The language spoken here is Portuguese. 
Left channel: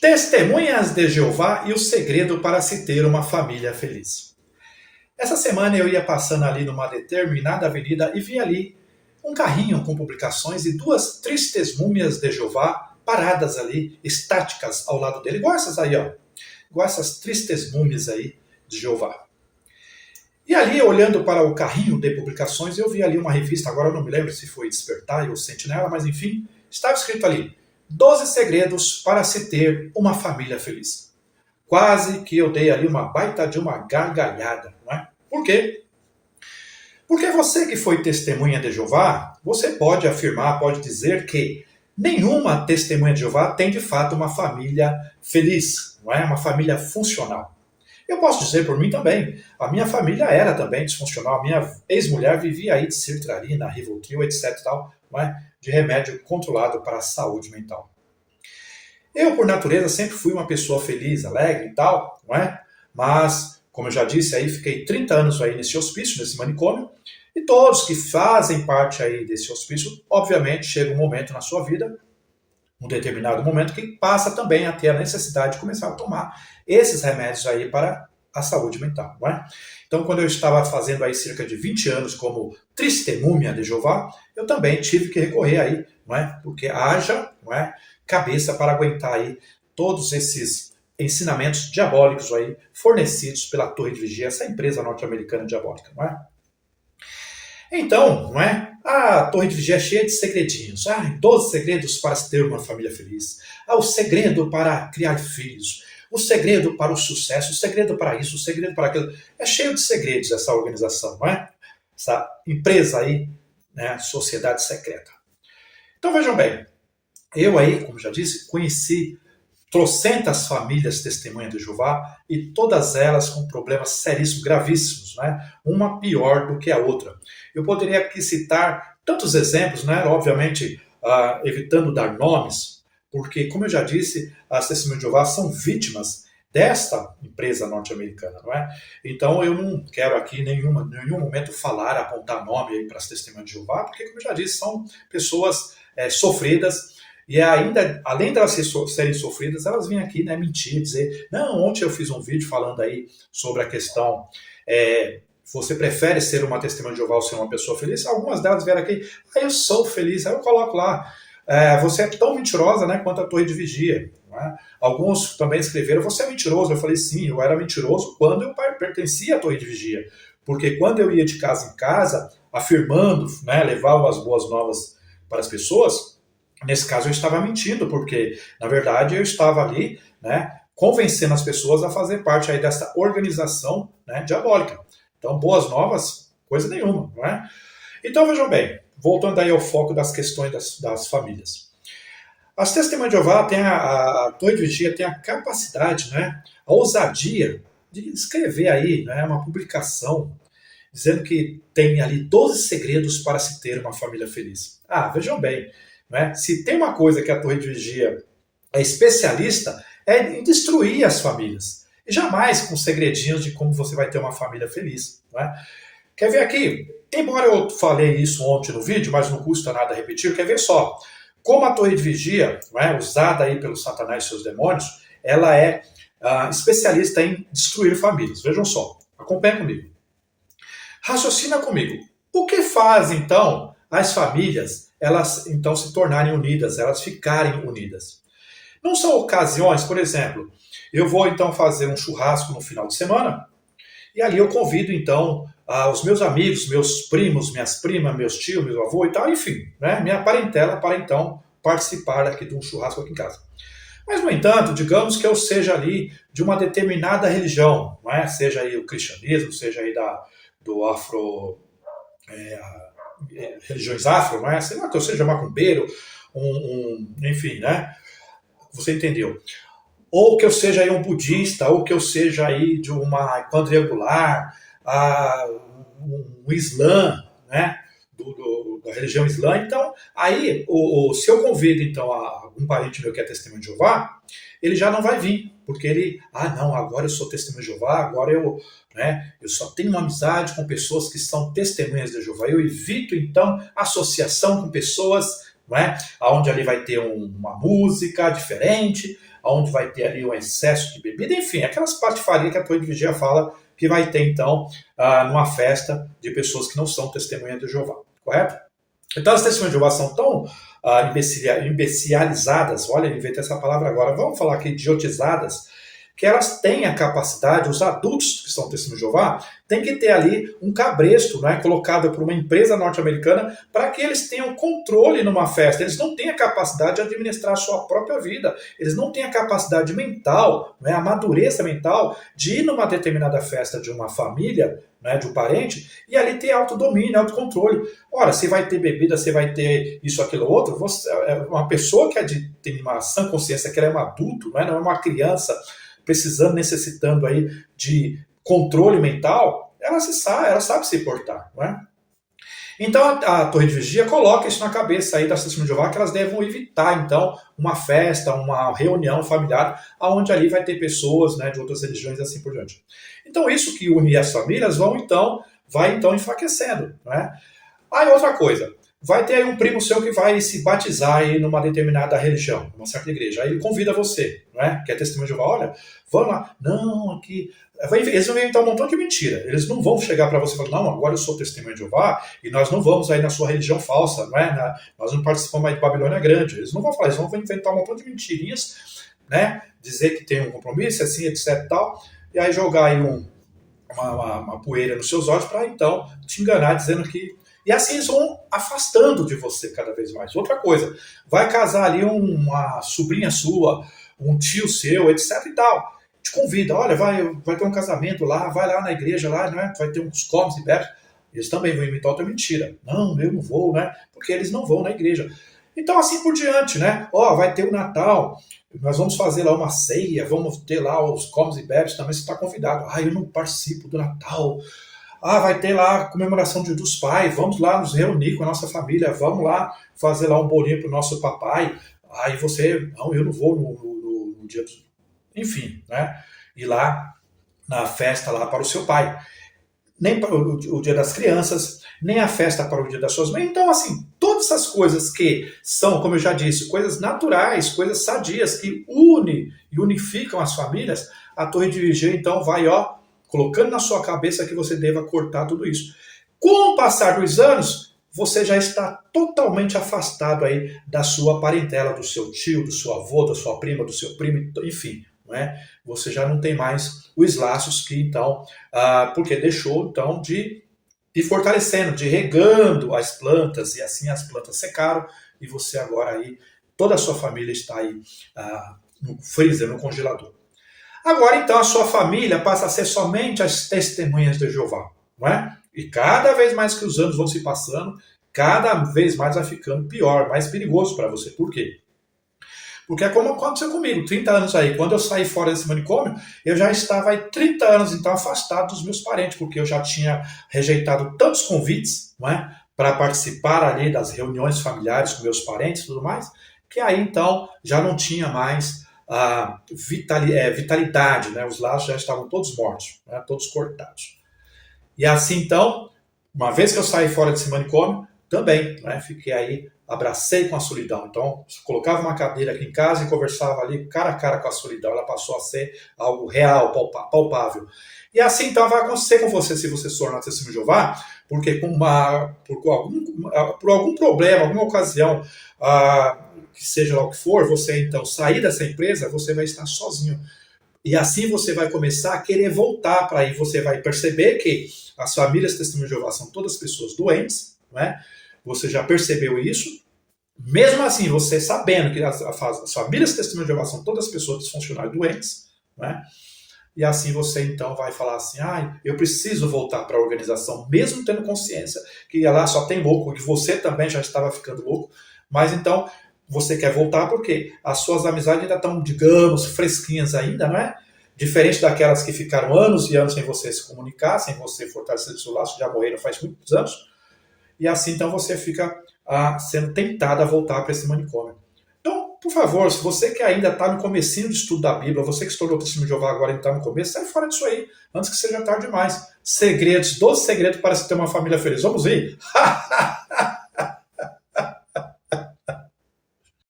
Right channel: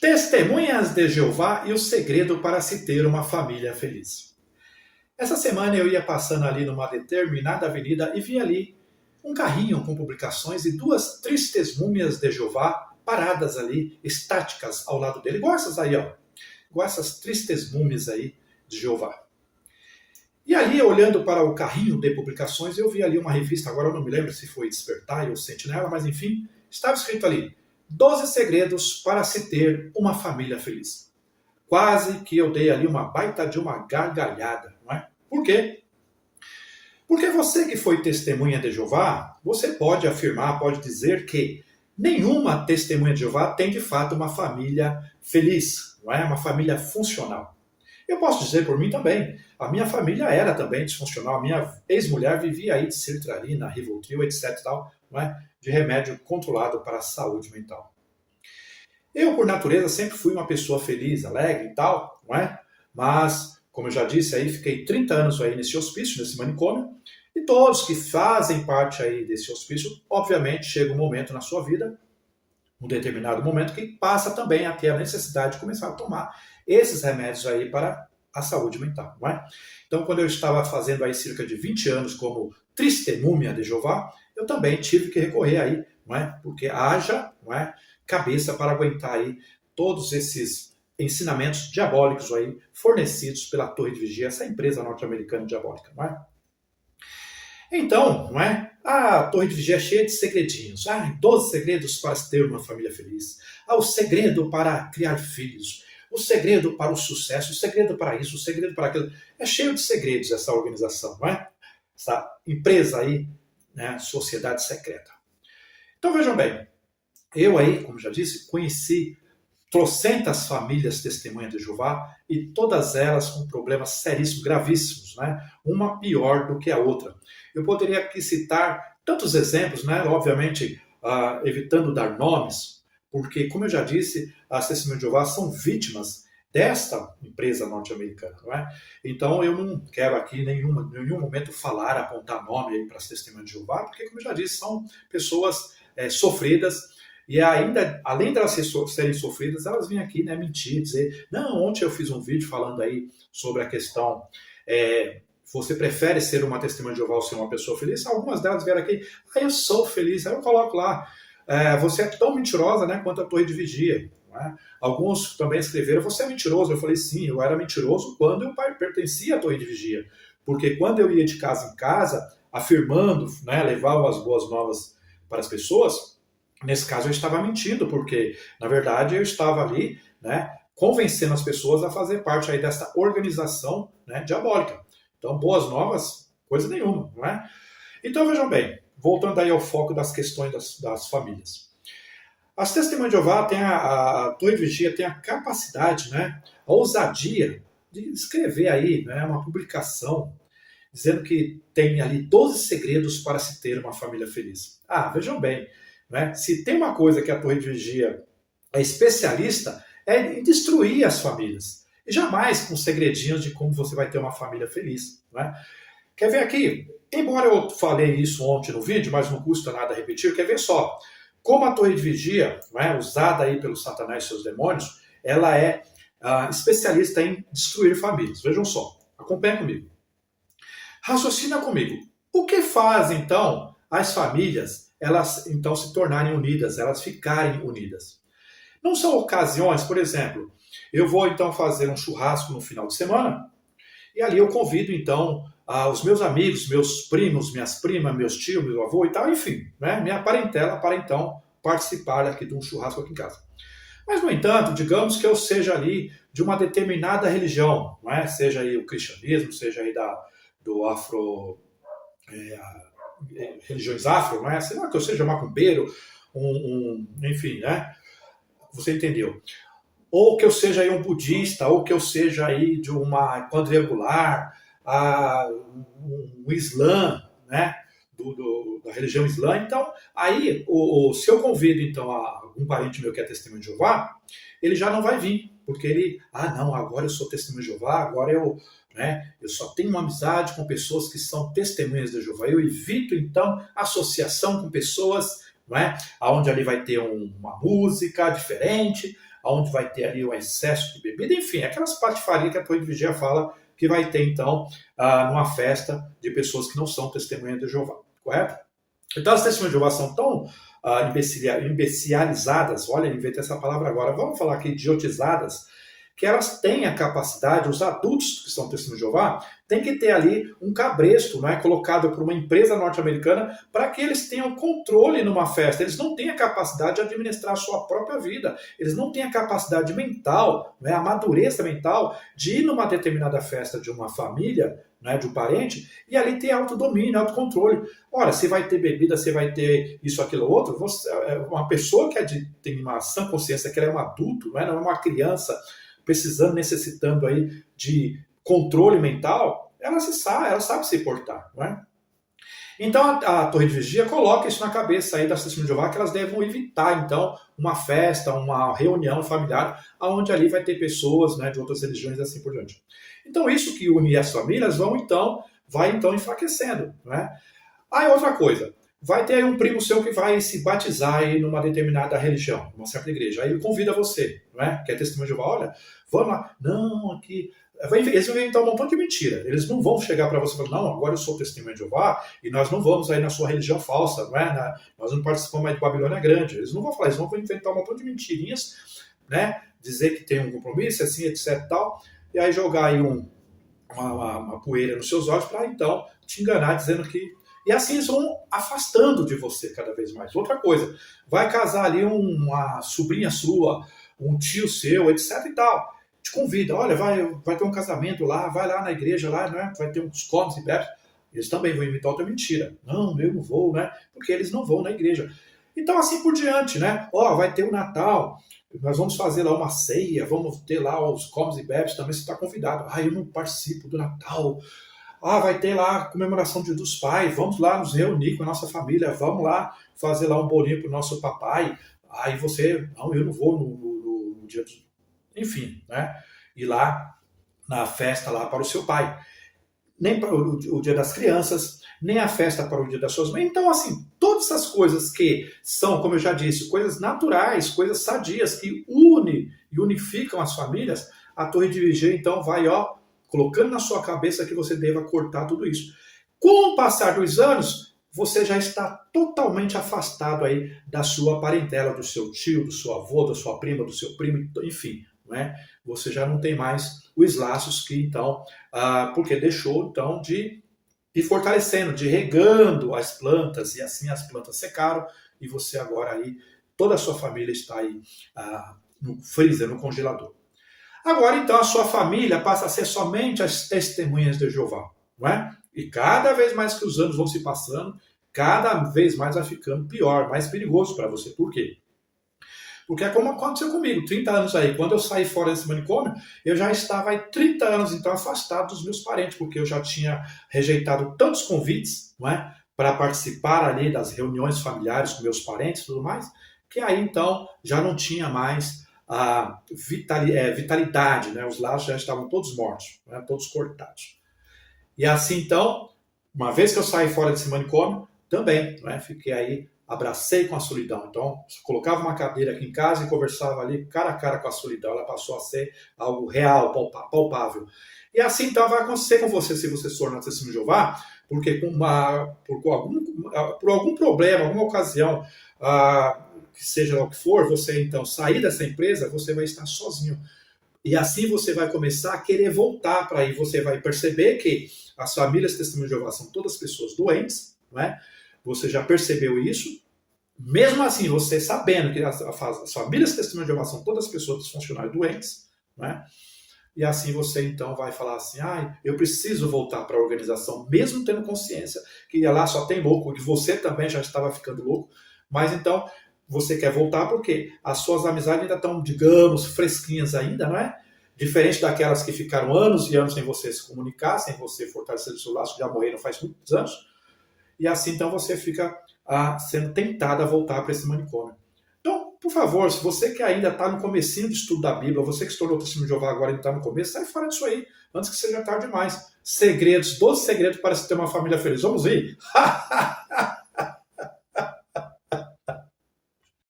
Testemunhas de Jeová e o segredo para se ter uma família feliz. Essa semana eu ia passando ali numa determinada avenida e vi ali um carrinho com publicações e duas tristes múmias de Jeová paradas ali, estáticas ao lado dele, igual essas aí, ó. Igual essas tristes múmias aí de Jeová. E ali, olhando para o carrinho de publicações, eu vi ali uma revista, agora eu não me lembro se foi Despertar ou Sentinela, mas enfim, estava escrito ali: 12 segredos para se ter uma família feliz. Quase que eu dei ali uma baita de uma gargalhada, não é? Por quê? Porque você que foi testemunha de Jeová, você pode afirmar, pode dizer que nenhuma testemunha de Jeová tem de fato uma família feliz, não é? Uma família funcional. Eu posso dizer por mim também, a minha família era também disfuncional, a minha ex-mulher vivia aí de sertralina, Rivotril, etc. Tal, não é? De remédio controlado para a saúde mental. Eu, por natureza, sempre fui uma pessoa feliz, alegre e tal, não é? Mas, como eu já disse, aí fiquei 30 anos aí nesse hospício, nesse manicômio, e todos que fazem parte aí desse hospício, obviamente, chega um momento na sua vida, um determinado momento, que passa também a ter a necessidade de começar a tomar esses remédios aí para a saúde mental, não é? Então, quando eu estava fazendo aí cerca de 20 anos como testemunha de Jeová, eu também tive que recorrer aí, não é? Porque haja, não é, cabeça para aguentar aí todos esses ensinamentos diabólicos aí fornecidos pela Torre de Vigia, essa empresa norte-americana diabólica, não é? Então, não é? A Torre de Vigia é cheia de segredinhos. 12 segredos para ter uma família feliz. O segredo para criar filhos. O segredo para o sucesso. O segredo para isso. O segredo para aquilo. É cheio de segredos essa organização, não é? Essa empresa aí, né? Sociedade secreta. Então vejam bem. Eu aí, como já disse, conheci trocentas famílias testemunhas de Jeová e todas elas com problemas seríssimos, gravíssimos, né? Uma pior do que a outra. Eu poderia aqui citar tantos exemplos, né? Obviamente, evitando dar nomes, porque, como eu já disse, as testemunhas de Jeová são vítimas desta empresa norte-americana, não é? Então, eu não quero aqui em nenhum momento falar, apontar nome aí para as testemunhas de Jeová, porque, como eu já disse, são pessoas sofridas. E ainda, além de elas serem sofridas, elas vêm aqui, né, mentir, dizer, não, ontem eu fiz um vídeo falando aí sobre a questão, você prefere ser uma testemunha de Jeová ou ser uma pessoa feliz? Algumas delas vieram aqui, eu sou feliz, aí eu coloco lá, você é tão mentirosa, né, quanto a Torre de Vigia. Não é? Alguns também escreveram, você é mentiroso. Eu falei, sim, eu era mentiroso quando eu pertencia à Torre de Vigia. Porque quando eu ia de casa em casa, afirmando, né, levar as boas novas para as pessoas, nesse caso eu estava mentindo, porque na verdade eu estava ali, né, convencendo as pessoas a fazer parte aí dessa organização, né, diabólica. Então, boas novas, coisa nenhuma, não é? Então vejam bem, voltando aí ao foco das questões das famílias. As testemunhas de Jeová têm a Torre de Vigia tem a capacidade, né, a ousadia de escrever aí, né, uma publicação dizendo que tem ali 12 segredos para se ter uma família feliz. Vejam bem, né? Se tem uma coisa que a Torre de Vigia é especialista, é em destruir as famílias. E jamais com segredinhos de como você vai ter uma família feliz. Né? Quer ver aqui? Embora eu falei isso ontem no vídeo, mas não custa nada repetir, quer ver só? Como a Torre de Vigia, né, usada aí pelo Satanás e seus demônios, ela é especialista em destruir famílias. Vejam só, acompanhem comigo. Raciocina comigo. O que faz, então, as famílias elas então se tornarem unidas, elas ficarem unidas? Não são ocasiões, por exemplo, eu vou então fazer um churrasco no final de semana e ali eu convido então os meus amigos, meus primos, minhas primas, meus tios, meu avô e tal, enfim, né, minha parentela para então participar aqui de um churrasco aqui em casa. Mas, no entanto, digamos que eu seja ali de uma determinada religião, não é? Seja aí o cristianismo, seja aí do afro, religiões afro, não é? Sei lá, que eu seja macumbeiro, enfim, né? Você entendeu? Ou que eu seja aí um budista, ou que eu seja aí de uma quadrangular, um islã, né? Da religião islã. Então, aí, se eu convido então algum parente meu que é testemunho de Jeová, ele já não vai vir, porque ele, não, agora eu sou testemunho de Jeová, agora eu só tenho uma amizade com pessoas que são testemunhas de Jeová. Eu evito então associação com pessoas, não é? Onde ali vai ter uma música diferente, onde vai ter ali um excesso de bebida, enfim, aquelas patifarias que a torre de vigia fala que vai ter, então, numa festa de pessoas que não são testemunhas de Jeová, correto? Então, as testemunhas de Jeová são tão imbecilizadas, olha, eu inventei essa palavra agora, vamos falar aqui idiotizadas, que elas têm a capacidade, os adultos que são testemunhos de Jeová, tem que ter ali um cabresto, né, colocado por uma empresa norte-americana para que eles tenham controle numa festa. Eles não têm a capacidade de administrar a sua própria vida. Eles não têm a capacidade mental, né, a madureza mental de ir numa determinada festa de uma família, né, de um parente, e ali ter autodomínio, autocontrole. Ora, você vai ter bebida, você vai ter isso, aquilo, outro. Uma pessoa que tem uma sã consciência que ela é um adulto, né, não é uma criança precisando, necessitando aí de controle mental, ela sabe se portar, não é? Então a torre de vigia coloca isso na cabeça aí das testemunhas de Jeová, que elas devem evitar, então, uma festa, uma reunião familiar, onde ali vai ter pessoas, né, de outras religiões e assim por diante. Então isso que une as famílias vai então enfraquecendo, não é? Aí outra coisa, vai ter um primo seu que vai se batizar aí numa determinada religião, numa certa igreja. Aí ele convida você, não é? Que é testemunho de Jeová, olha, vamos lá. Não, aqui... Eles vão inventar um montão de mentira. Eles não vão chegar para você e falar, não, agora eu sou testemunho de Jeová e nós não vamos aí na sua religião falsa, não é? Nós não participamos mais de Babilônia Grande. Eles não vão falar, eles vão inventar um montão de mentirinhas, né? Dizer que tem um compromisso, assim, etc e tal, e aí jogar aí uma poeira nos seus olhos para então te enganar dizendo que... E assim eles vão afastando de você cada vez mais. Outra coisa, vai casar ali uma sobrinha sua, um tio seu, etc e tal. Te convida, olha, vai ter um casamento lá, vai lá na igreja, lá, né? Vai ter uns comes e bebes. Eles também vão imitar outra mentira. Não, eu não vou, né? Porque eles não vão na igreja. Então, assim por diante, né? Ó, vai ter o Natal, nós vamos fazer lá uma ceia, vamos ter lá os comes e bebes, também você está convidado. Ah, eu não participo do Natal. Ah, vai ter lá a comemoração dos pais, vamos lá nos reunir com a nossa família, vamos lá fazer lá um bolinho para o nosso papai. Aí você, não, eu não vou no dia dos... Enfim, né? Ir lá na festa lá para o seu pai. Nem para o dia das crianças, nem a festa para o dia das suas mães. Então, assim, todas essas coisas que são, como eu já disse, coisas naturais, coisas sadias, que unem e unificam as famílias, a torre de vigia, então, vai, ó, colocando na sua cabeça que você deva cortar tudo isso. Com o passar dos anos, você já está totalmente afastado aí da sua parentela, do seu tio, do seu avô, da sua prima, do seu primo, enfim, não é? Você já não tem mais os laços que então, porque deixou então de ir fortalecendo, de ir regando as plantas, e assim as plantas secaram, e você agora aí, toda a sua família está aí no freezer, no congelador. Agora, então, a sua família passa a ser somente as testemunhas de Jeová, não é? E cada vez mais que os anos vão se passando, cada vez mais vai ficando pior, mais perigoso para você. Por quê? Porque é como aconteceu comigo, 30 anos aí. Quando eu saí fora desse manicômio, eu já estava aí 30 anos, então, afastado dos meus parentes, porque eu já tinha rejeitado tantos convites, não é? Para participar ali das reuniões familiares com meus parentes e tudo mais, que aí, então, já não tinha mais a vitalidade, né? Os laços já estavam todos mortos, né? Todos cortados. E assim, então, uma vez que eu saí fora desse manicômio, também, né? Fiquei aí, abracei com a solidão. Então, colocava uma cadeira aqui em casa e conversava ali cara a cara com a solidão. Ela passou a ser algo real, palpável. E assim, então, vai acontecer com você se você se tornar testemunho de Jeová, porque por algum problema, alguma ocasião, que seja lá o que for, você então sair dessa empresa, você vai estar sozinho. E assim você vai começar a querer voltar para aí. Você vai perceber que as famílias testemunhas de Jeová são todas pessoas doentes, não é? Você já percebeu isso? Mesmo assim, você sabendo que as famílias testemunhas de Jeová são todas pessoas disfuncionais doentes, não é? E assim você então vai falar assim, eu preciso voltar para a organização, mesmo tendo consciência que lá só tem louco, e você também já estava ficando louco, mas então você quer voltar porque as suas amizades ainda estão, digamos, fresquinhas ainda, não é? Diferente daquelas que ficaram anos e anos sem você se comunicar, sem você fortalecer o seu laço, já morreram faz muitos anos, e assim então você fica sendo tentado a voltar para esse manicômio. Então, por favor, se você que ainda está no comecinho de estudo da Bíblia, você que estourou o testemunho de Jeová agora e está no começo, sai fora disso aí, antes que seja tarde demais. 12 segredos para se ter uma família feliz. Vamos ir?